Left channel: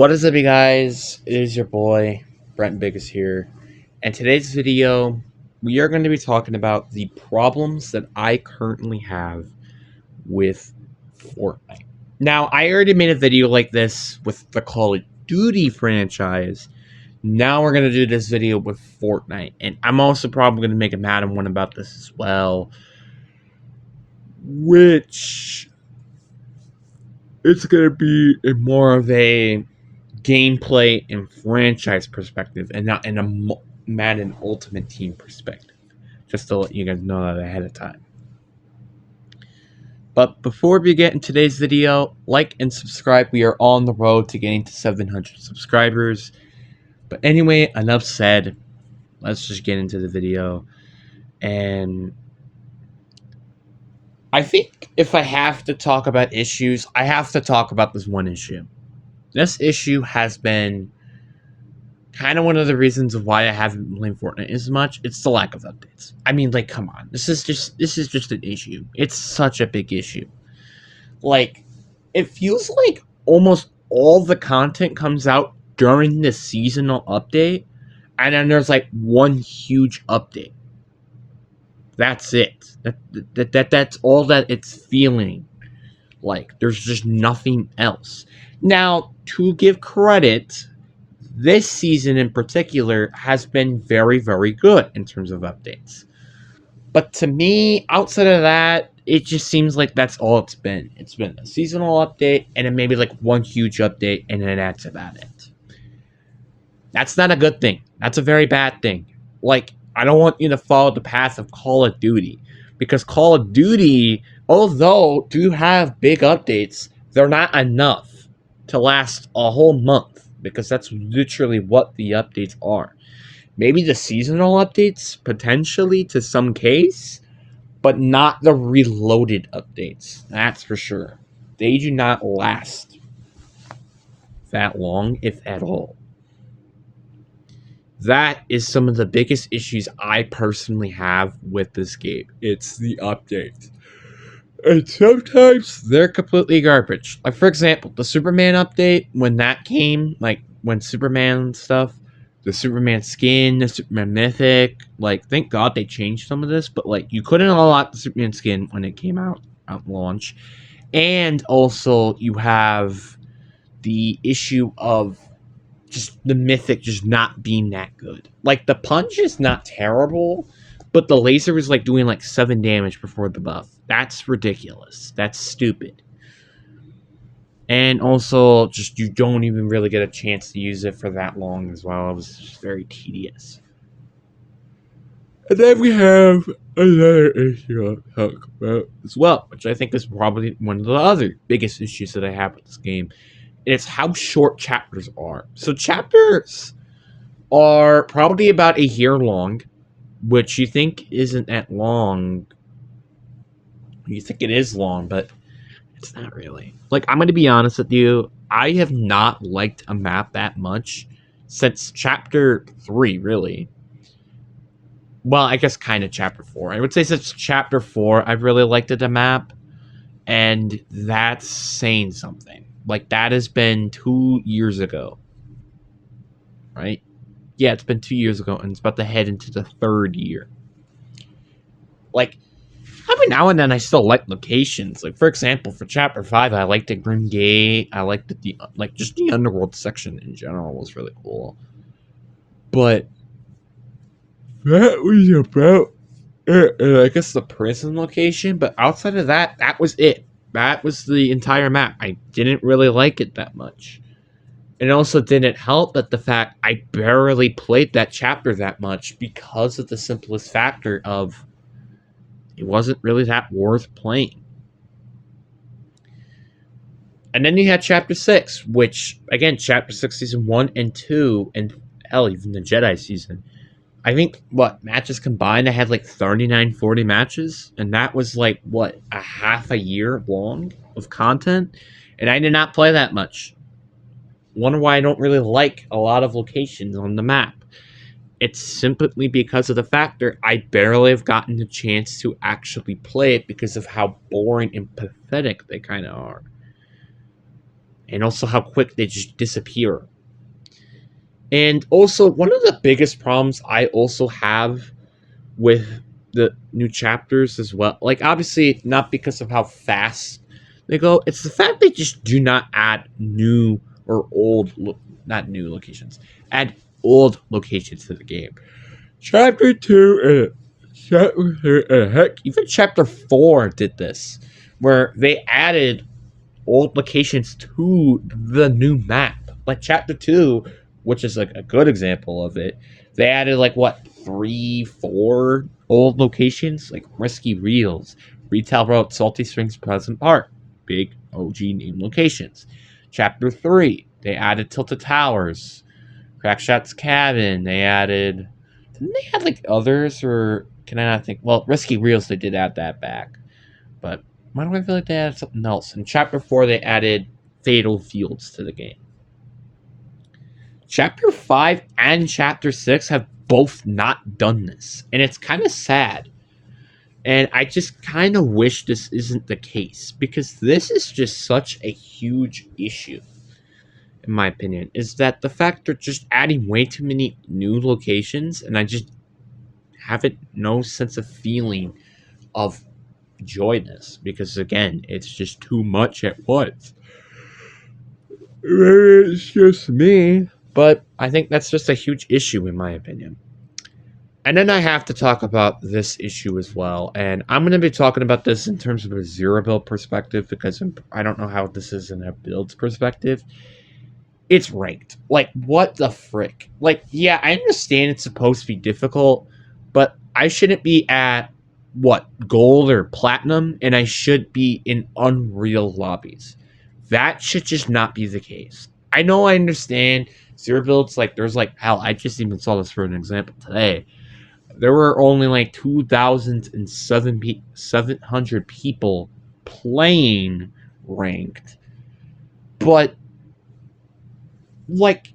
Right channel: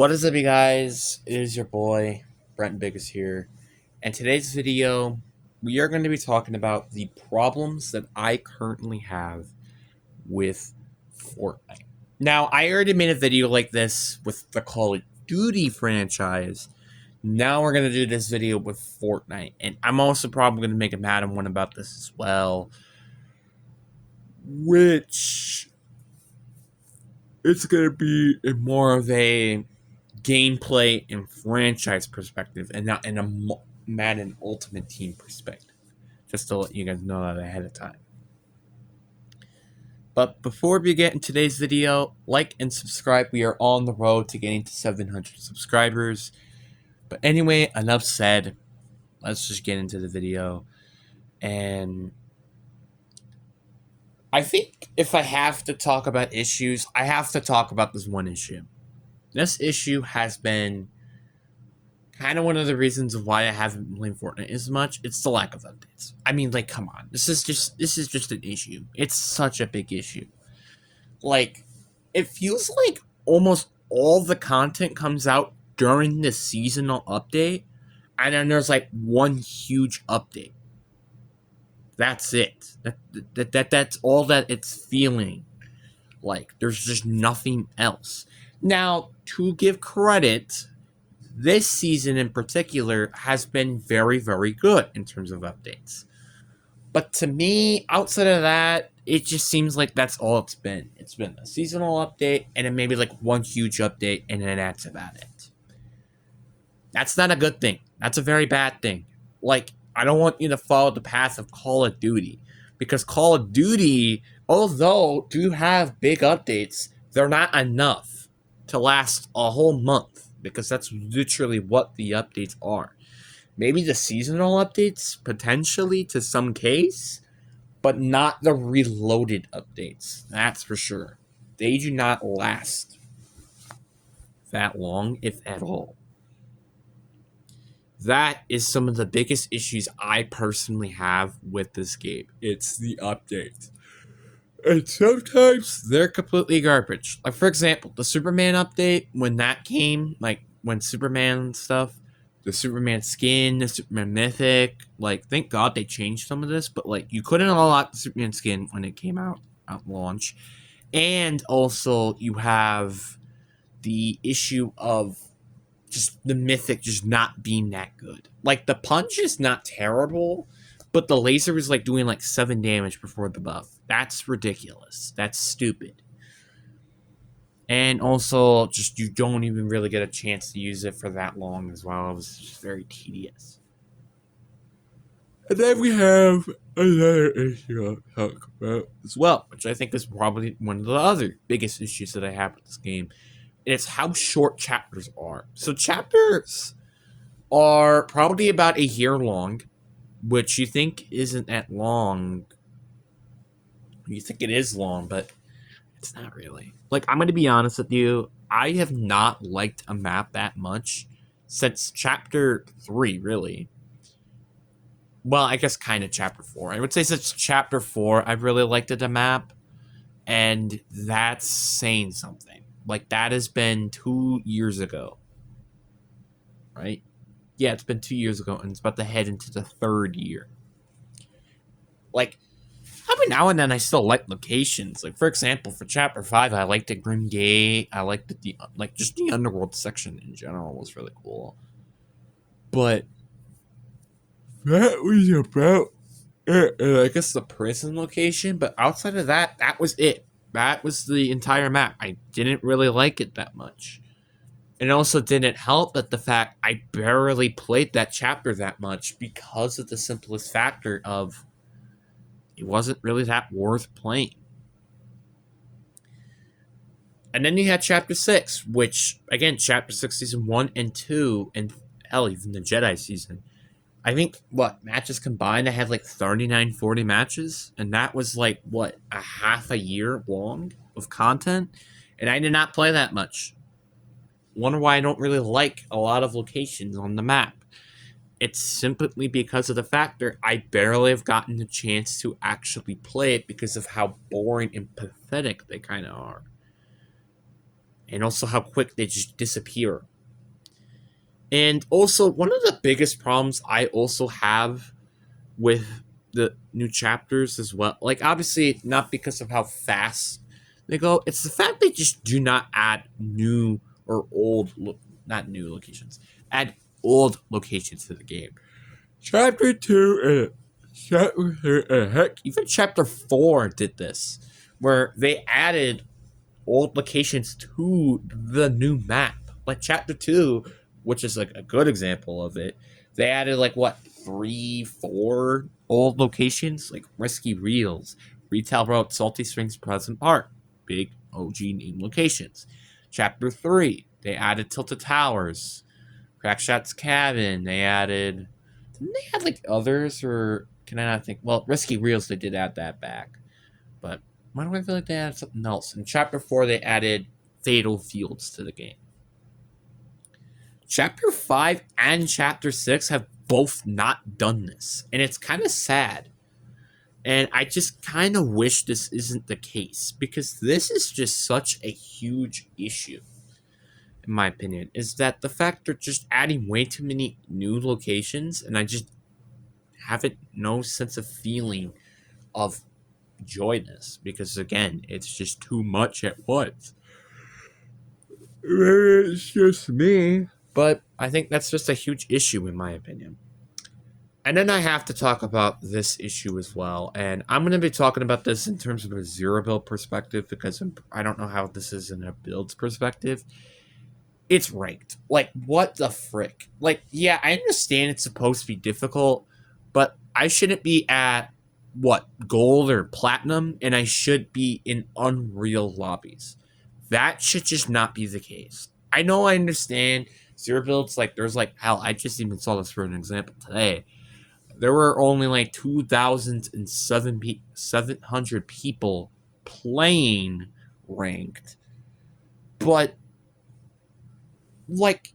What is up, you guys? It is your boy, Brent Biggest here. And today's video, we are going to be talking about the problems that I currently have with Fortnite. Now, I already made a video like this with the Call of Duty franchise. Now we're going to do this video with Fortnite. And I'm also probably going to make a Madden one about this as well. Which, it's going to be more of a gameplay and franchise perspective and not in a Madden Ultimate Team perspective. Just to let you guys know that ahead of time. But before we get in today's video, like and subscribe. We are on the road to getting to 700 subscribers. But anyway, enough said. Let's just get into the video. And I think if I have to talk about issues, I have to talk about this one issue. This issue has been kind of one of the reasons of why I haven't been playing Fortnite as much. It's the lack of updates. I mean, like, come on. This is just an issue. It's such a big issue. Like, it feels like almost all the content comes out during the seasonal update, and then there's like one huge update. That's it. That's all that it's feeling like. There's just nothing else. Now, to give credit, this season in particular has been very, very good in terms of updates. But to me, outside of that, it just seems like that's all it's been. It's been a seasonal update and then maybe like one huge update and then that's about it. That's not a good thing. That's a very bad thing. Like, I don't want you to follow the path of Call of Duty. Because Call of Duty, although do have big updates, they're not enough to last a whole month, because that's literally what the updates are. Maybe the seasonal updates, potentially, to some case, but not the reloaded updates. That's for sure. They do not last that long, if at all. That is some of the biggest issues I personally have with this game. It's the updates. And sometimes they're completely garbage. Like, for example, the Superman update, when that came, like, when Superman stuff, the Superman skin, the Superman mythic, like, thank God they changed some of this, but, like, you couldn't unlock the Superman skin when it came out launch. And also, you have the issue of just the mythic just not being that good. Like, the punch is not terrible, but the laser was, like, doing, like, 7 damage before the buff. That's ridiculous. That's stupid. And also, just you don't even really get a chance to use it for that long as well. It was just very tedious. And then we have another issue I'll talk about as well, which I think is probably one of the other biggest issues that I have with this game. It's how short chapters are. So chapters are probably about a year long, which you think isn't that long. You think it is long, but it's not really. Like, I'm going to be honest with you. I have not liked a map that much since Chapter 3, really. Well, I guess kind of Chapter 4. I would say since Chapter 4, I've really liked the map. And that's saying something. Like, that has been 2 years ago. Right? Yeah, it's been 2 years ago, and it's about to head into the 3rd year. Like, every now and then I still like locations. Like, for example, for Chapter 5, I liked the Grim Gate. I liked just the Underworld section in general was really cool. But that was about it. And I guess the prison location, but outside of that, that was it. That was the entire map. I didn't really like it that much. It also didn't help that the fact I barely played that chapter that much because of the simplest factor of it wasn't really that worth playing. And then you had Chapter 6, which, again, Chapter 6 Season 1 and 2, and hell, even the Jedi Season. I think, matches combined, I had like 39, 40 matches, and that was like, a half a year long of content, and I did not play that much. Wonder why I don't really like a lot of locations on the map. It's simply because of the factor I barely have gotten the chance to actually play it because of how boring and pathetic they kind of are. and also how quick they just disappear. And also, one of the biggest problems I also have with the new chapters as well, like obviously not because of how fast they go, it's the fact they just do not add new or old, not new locations, add old locations to the game. Chapter 2, heck, even Chapter 4 did this, where they added old locations to the new map. Like Chapter 2, which is like a good example of it, they added like what, 3, 4 old locations? Like Risky Reels, Retail Road, Salty Springs, Pleasant Park. Big OG name locations. Chapter 3, they added Tilted Towers, Crackshot's Cabin. They added. Didn't they add like others, or can I not think? Well, Risky Reels, they did add that back. But why do I feel like they added something else? In Chapter 4, they added Fatal Fields to the game. Chapter 5 and Chapter 6 have both not done this. And it's kind of sad. And I just kind of wish this isn't the case. Because this is just such a huge issue, in my opinion. Is that the fact they're just adding way too many new locations. And I just haven't no sense of feeling of joyness. Because again, it's just too much at once. It's just me. But I think that's just a huge issue, in my opinion. And then I have to talk about this issue as well. And I'm going to be talking about this in terms of a zero build perspective because I don't know how this is in a build's perspective. It's ranked. Like, what the frick? Like, yeah, I understand it's supposed to be difficult, but I shouldn't be at, what, gold or platinum, and I should be in Unreal lobbies. That should just not be the case. I know I understand zero builds, like, there's like, hell, I just even saw this for an example today. There were only like 2,700 people playing ranked, but like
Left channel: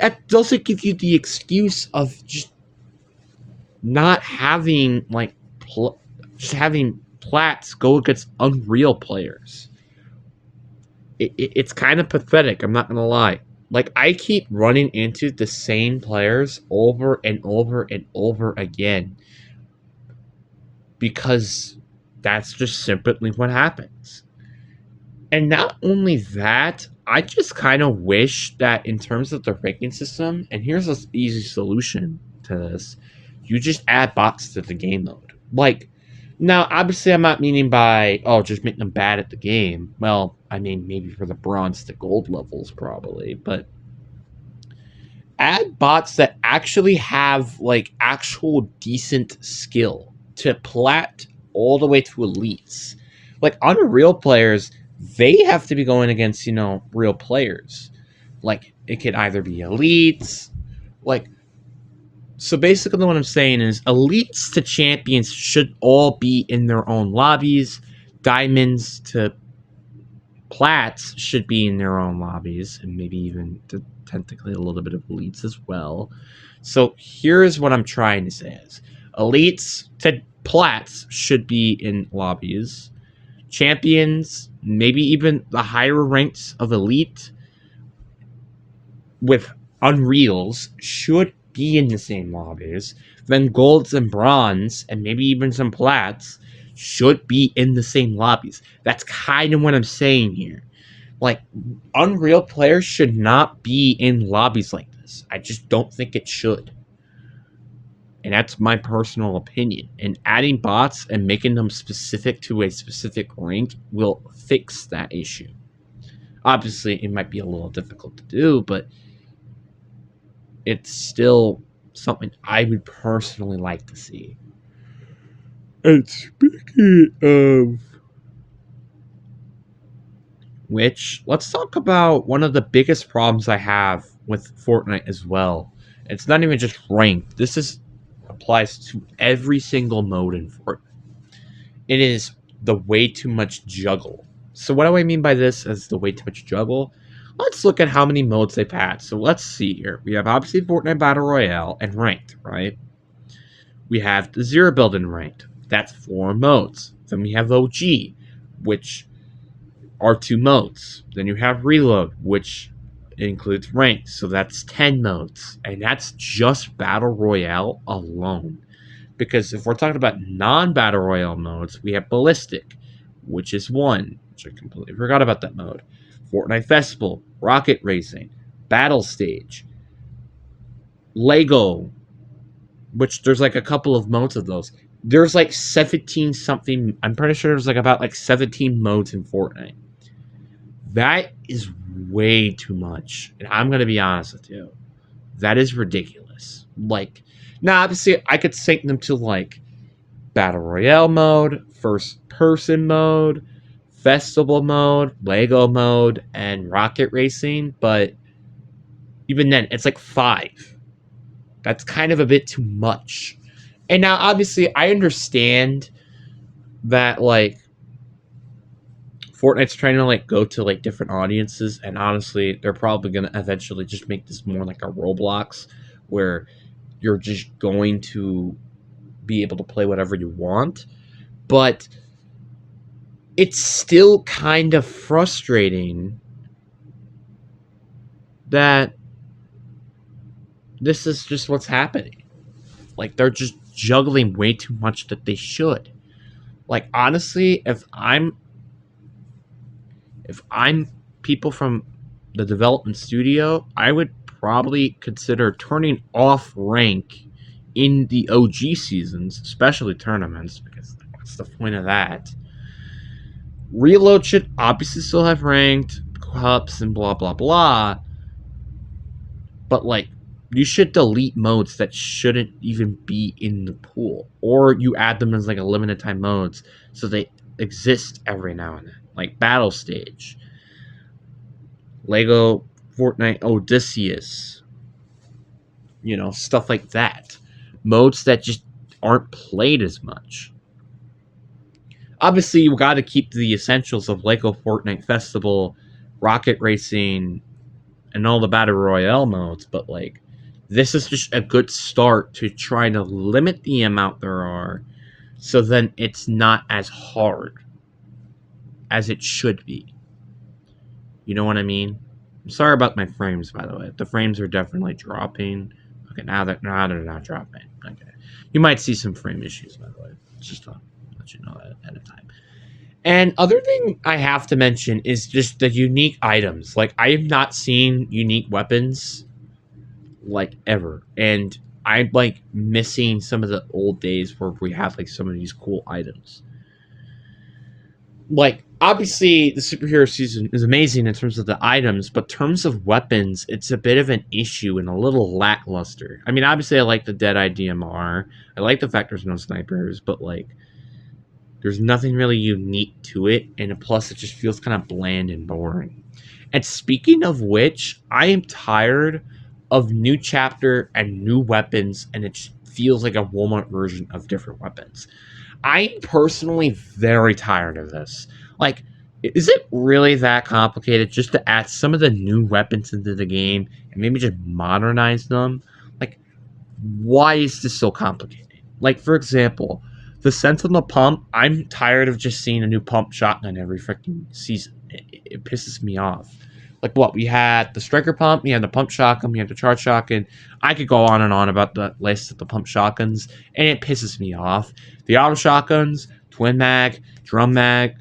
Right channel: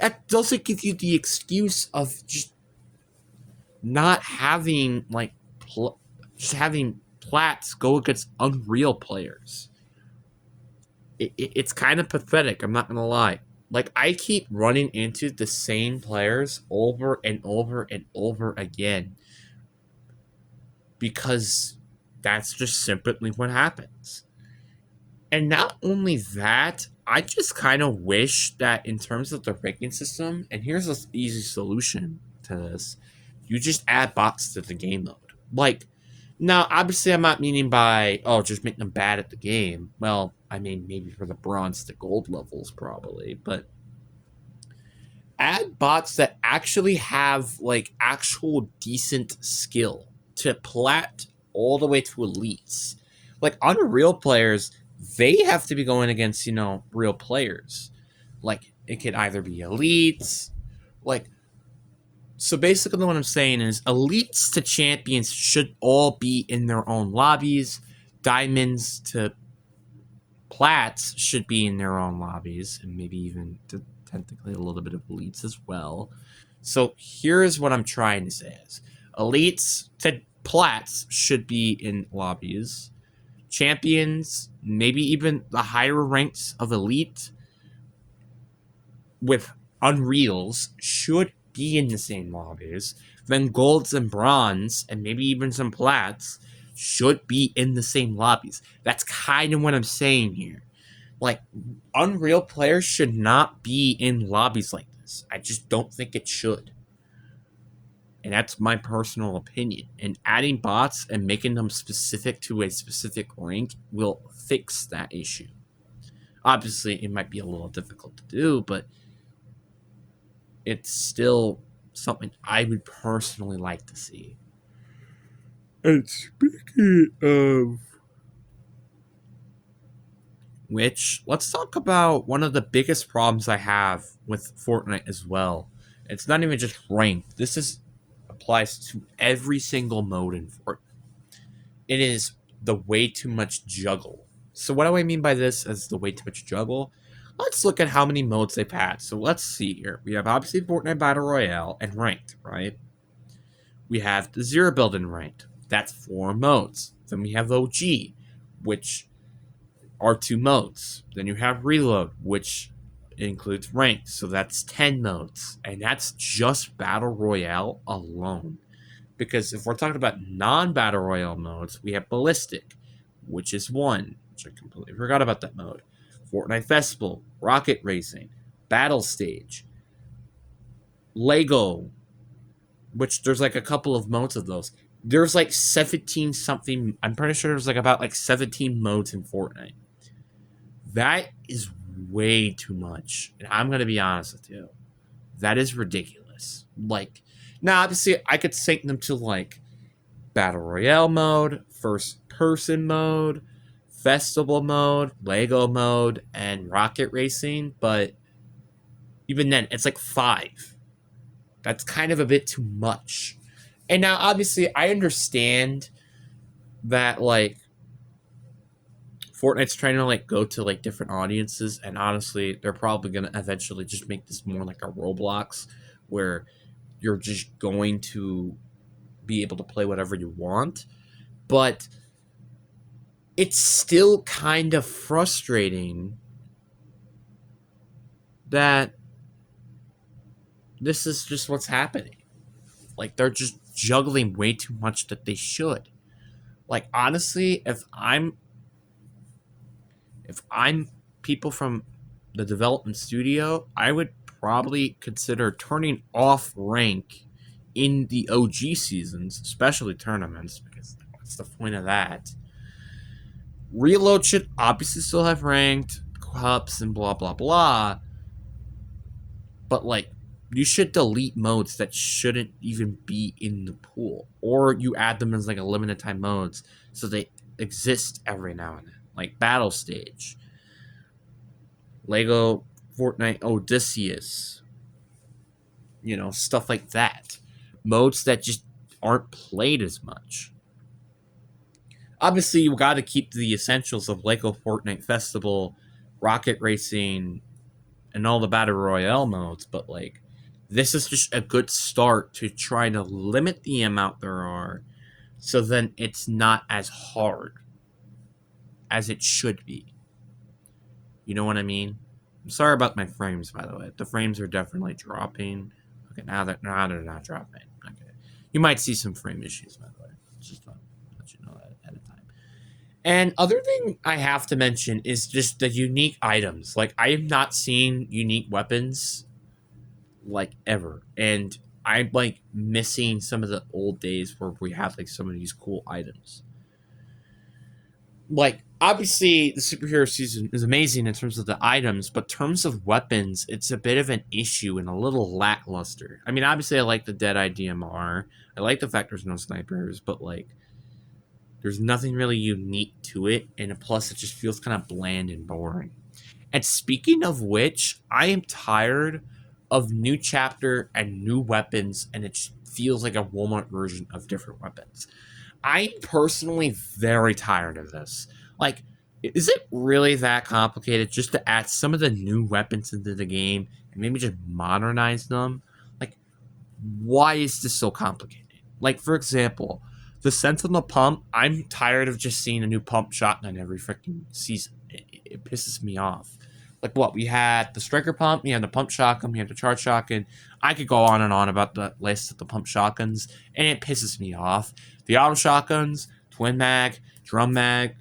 that doesn't give you the excuse of just not having like just having plats go against Unreal players. It's kind of pathetic, I'm not gonna lie. Like, I keep running into the same players over and over and over again because that's just simply what happens. And not only that, I just kind of wish that in terms of the ranking system, and here's an easy solution to this, you just add bots to the game mode. Like, now, obviously, I'm not meaning by, oh, just make them bad at the game. Well, I mean, maybe for the bronze to gold levels, probably, but add bots that actually have, like, actual decent skill to plat all the way to elites. Like, Unreal players, they have to be going against, real players. Like, it could either be elites, like, so basically what I'm saying is elites to champions should all be in their own lobbies. Diamonds to plats should be in their own lobbies, and maybe even technically a little bit of elites as well. So here's what I'm trying to say is elites to plats should be in lobbies. Champions, maybe even the higher ranks of elite with Unreals should be in the same lobbies. Then golds and bronze, and maybe even some plats, should be in the same lobbies. That's kind of what I'm saying here. Like, Unreal players should not be in lobbies like this. I just don't think it should. And that's my personal opinion. And adding bots and making them specific to a specific rank will fix that issue. Obviously, it might be a little difficult to do, but it's still something I would personally like to see. And speaking of which, let's talk about one of the biggest problems I have with Fortnite as well. It's not even just ranked. This applies to every single mode in Fortnite. It is the way too much juggle. So what do I mean by this as the way too much juggle? Let's look at how many modes they've had. So let's see here. We have obviously Fortnite Battle Royale and Ranked, right? We have the Zero Build and Ranked. That's 4 modes. Then we have OG, which are 2 modes. Then you have reload, which includes ranked, so that's 10 modes. And that's just Battle Royale alone. Because if we're talking about non-Battle Royale modes, we have Ballistic, which is 1, which I completely forgot about that mode. Fortnite Festival, Rocket Racing, Battle Stage, Lego, which there's like a couple of modes of those. There's like 17 something. I'm pretty sure there's like about like 17 modes in Fortnite. That is way too much. And I'm going to be honest with you. That is ridiculous. Like, now obviously I could sync them to like Battle Royale mode, first person mode, festival mode, Lego mode, and rocket racing, but even then, it's like 5. That's kind of a bit too much. And now, obviously, I understand that, like, Fortnite's trying to, like, go to, like, different audiences, and honestly, they're probably going to eventually just make this more like a Roblox, where you're just going to be able to play whatever you want. But it's still kind of frustrating that this is just what's happening. Like, they're just juggling way too much that they should. Like, honestly, if I'm people from the development studio, I would probably consider turning off rank in the OG seasons, especially tournaments, because what's the point of that? Reload should obviously still have ranked cups and blah blah blah, but like, you should delete modes that shouldn't even be in the pool, or you add them as like a limited time modes so they exist every now and then, like Battle Stage, Lego Fortnite Odysseus, stuff like that. Modes that just aren't played as much. Obviously, you got to keep the essentials of Lego Fortnite Festival, Rocket Racing, and all the Battle Royale modes, but like, this is just a good start to try to limit the amount there are, so then it's not as hard as it should be. You know what I mean? I'm sorry about my frames, by the way. The frames are definitely dropping. Okay, now they're not dropping. Okay, you might see some frame issues, by the way. Just to let you know at a time. And other thing I have to mention is just the unique items. Like, I have not seen unique weapons like ever, and I'm like missing some of the old days where we have like some of these cool items. Like, obviously the superhero season is amazing in terms of the items, but in terms of weapons, it's a bit of an issue and a little lackluster. I mean, obviously I like the Deadeye DMR. I like the fact there's no snipers, but like, there's nothing really unique to it, and plus it just feels kind of bland and boring. And speaking of which, I am tired of new chapter and new weapons, and it just feels like a Walmart version of different weapons. I'm personally very tired of this. Like, is it really that complicated just to add some of the new weapons into the game and maybe just modernize them? Like, why is this so complicated? Like, for example, the Sentinel pump, I'm tired of just seeing a new pump shotgun every freaking season. It pisses me off. Like, what? We had the striker pump, we had the pump shotgun, we had the charge shotgun. I could go on and on about the list of the pump shotguns, and it pisses me off. The auto shotguns, twin mag, drum mag,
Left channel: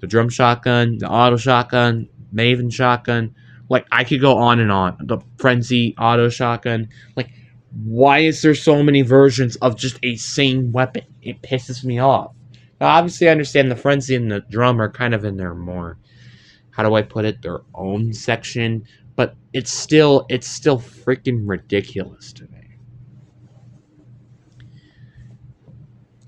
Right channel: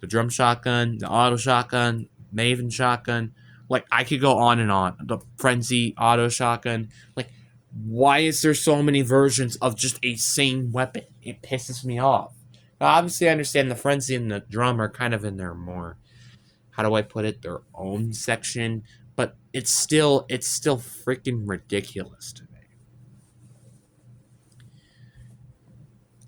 the drum shotgun, the auto shotgun, Maven shotgun. Like, I could go on and on. The frenzy auto shotgun. Like, why is there so many versions of just a same weapon? It pisses me off. Now, obviously, I understand the frenzy and the drum are kind of in there more, how do I put it, their own section, but it's still freaking ridiculous to me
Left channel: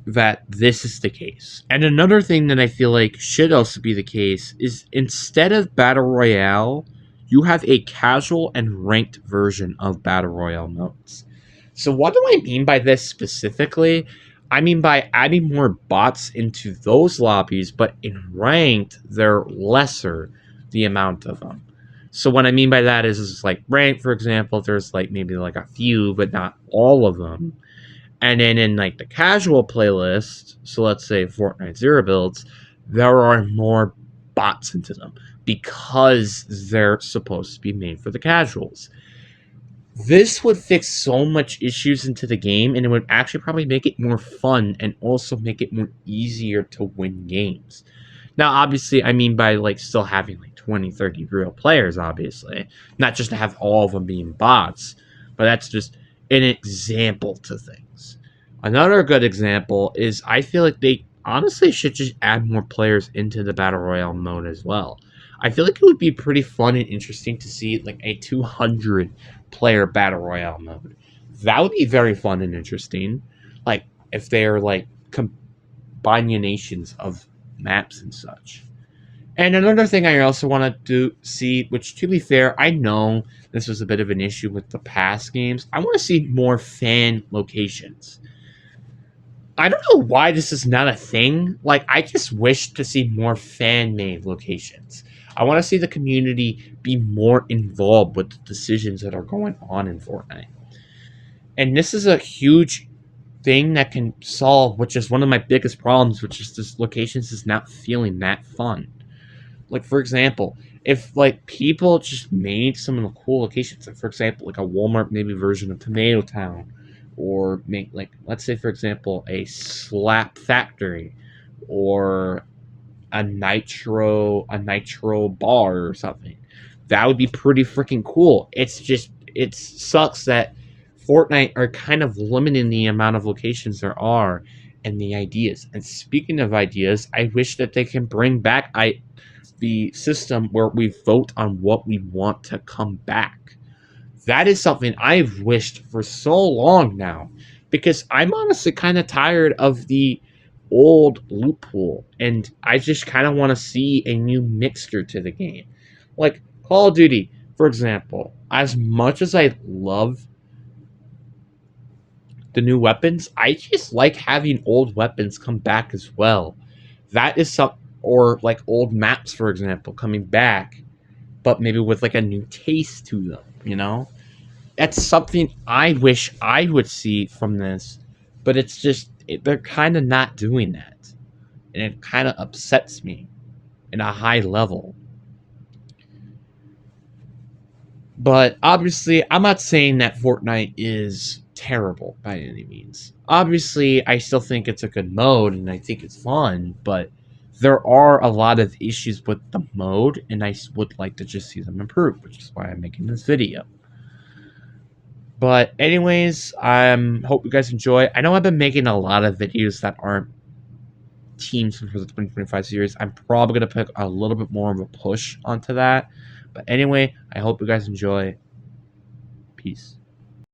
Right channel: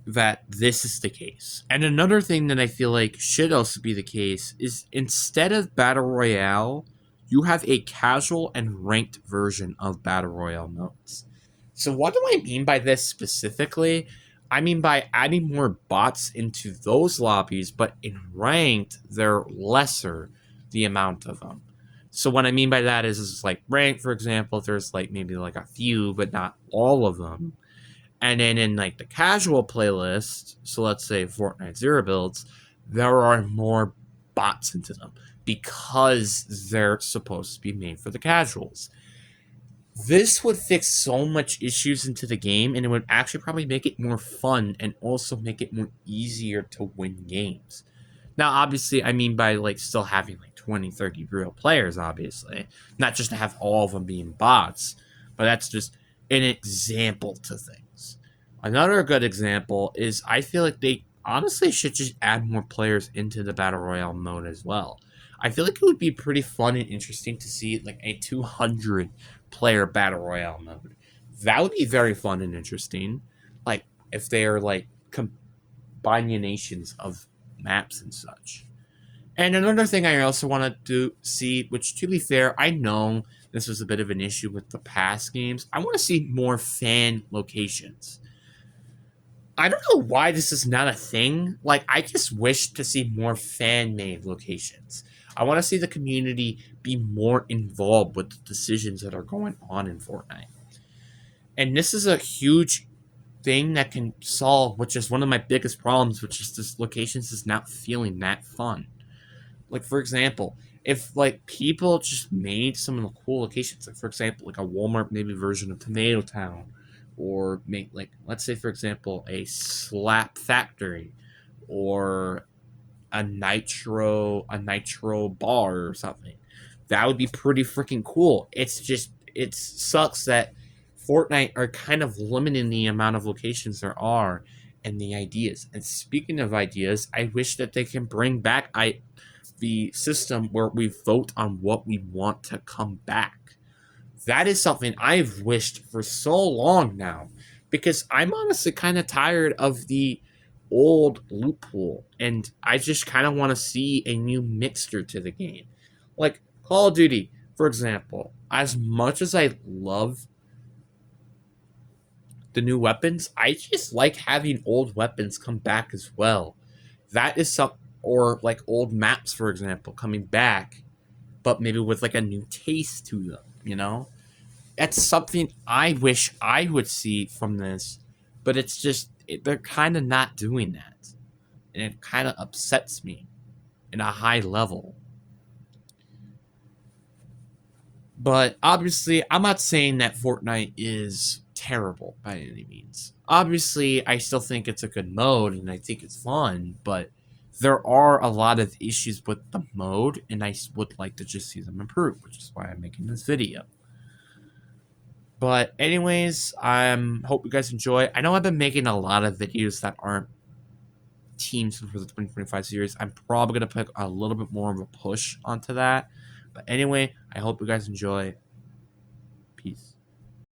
that this is the case. And another thing that I feel like should also be the case is, instead of Battle Royale, you have a casual and ranked version of Battle Royale modes. So what do I mean by this specifically? I mean by adding more bots into those lobbies, but in ranked, they're lesser, the amount of them. So what I mean by that is like ranked, for example, there's like maybe like a few, but not all of them. And then in like the casual playlist, so let's say Fortnite Zero builds, there are more bots into them because they're supposed to be made for the casuals. This would fix so much issues into the game, and it would actually probably make it more fun and also make it more easier to win games. Now, obviously, I mean by like still having like 20, 30 real players, obviously, not just to have all of them being bots, but that's just an example to things. Another good example is I feel like they honestly should just add more players into the Battle Royale mode as well. I feel like it would be pretty fun and interesting to see like a 200 player Battle Royale mode. That would be very fun and interesting. Like, if they're like combinations of maps and such. And another thing I also want to see, which to be fair, I know this was a bit of an issue with the past games. I want to see more fan locations. I don't know why this is not a thing. Like, I just wish to see more fan made locations. I want to see the community be more involved with the decisions that are going on in Fortnite. And this is a huge thing that can solve, which is one of my biggest problems, which is this locations is not feeling that fun. Like, for example, if like people just made some of the cool locations, like for example, like a Walmart maybe version of Tomato Town, or make like let's say for example a Slap Factory, or a nitro bar or something. That would be pretty freaking cool. It's just it sucks that Fortnite are kind of limiting the amount of locations there are and the ideas. And speaking of ideas, I wish that they can bring back the system where we vote on what we want to come back. That is something I've wished for so long now, because I'm honestly kind of tired of the old loophole, and I just kind of want to see a new mixture to the game. Like Call of Duty, for example, as much as I love the new weapons, I just like having old weapons come back as well. That is some, or like old maps, for example, coming back, but maybe with like a new taste to them, you know? That's something I wish I would see from this, but it's just they're kind of not doing that, and it kind of upsets me in a high level. But obviously, I'm not saying that Fortnite is terrible by any means. Obviously, I still think it's a good mode and I think it's fun, but there are a lot of issues with the mode, and I would like to just see them improve, which is why I'm making this video. But anyways, hope you guys enjoy. I know I've been making a lot of videos that aren't teams for the 2025 series. I'm probably gonna put a little bit more of a push onto that. But anyway, I hope you guys enjoy. Peace.